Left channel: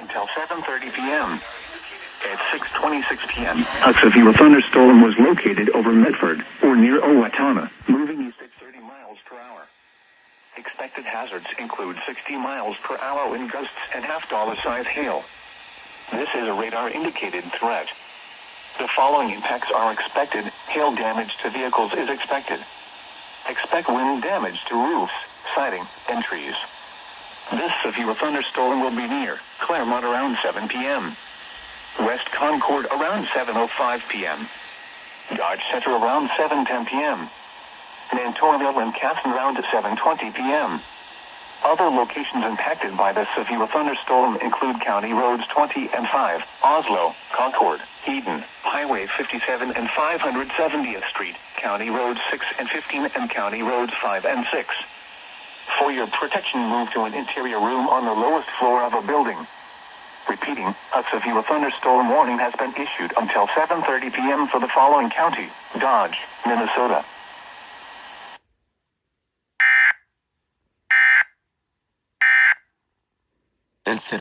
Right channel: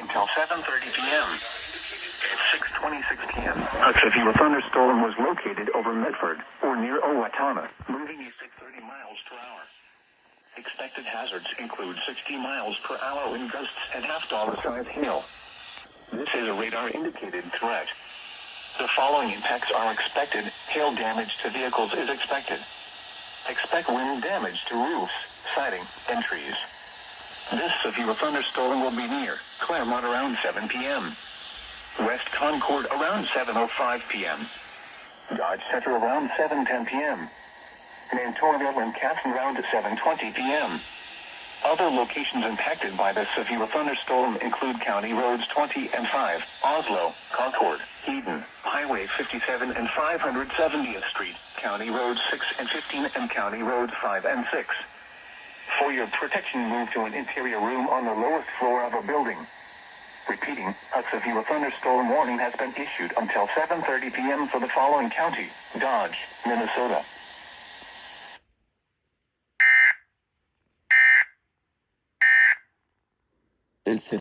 until 7:30 p.m. At 6:26 p.m., a severe thunderstorm was located over Medford, or near Owatonna, moving east at 30 miles per hour. Expected hazards include 60 miles per hour wind gusts and half-dollar-size hail. This is a radar-indicated threat. The following impacts are expected. Hail damage to vehicles is expected. Expect wind damage to roofs, siding, and trees. This severe thunderstorm will be near Claremont around 7 p.m. West Concord around 7:05 p.m. Dodge Center around 7:10 p.m. Mantorville and Casson around 7:20 p.m. Other locations impacted by the severe thunderstorm include County Roads 20 and 5, Oslo, Concord, Eden, Highway 57 and 570th Street, County Roads 6 and 15 and County Roads 5 and 6. For your protection, move to an interior room on the lowest floor of a building. Repeating, a severe thunderstorm warning has been issued until 7:30 p.m. for the following county: Dodge, Minnesota.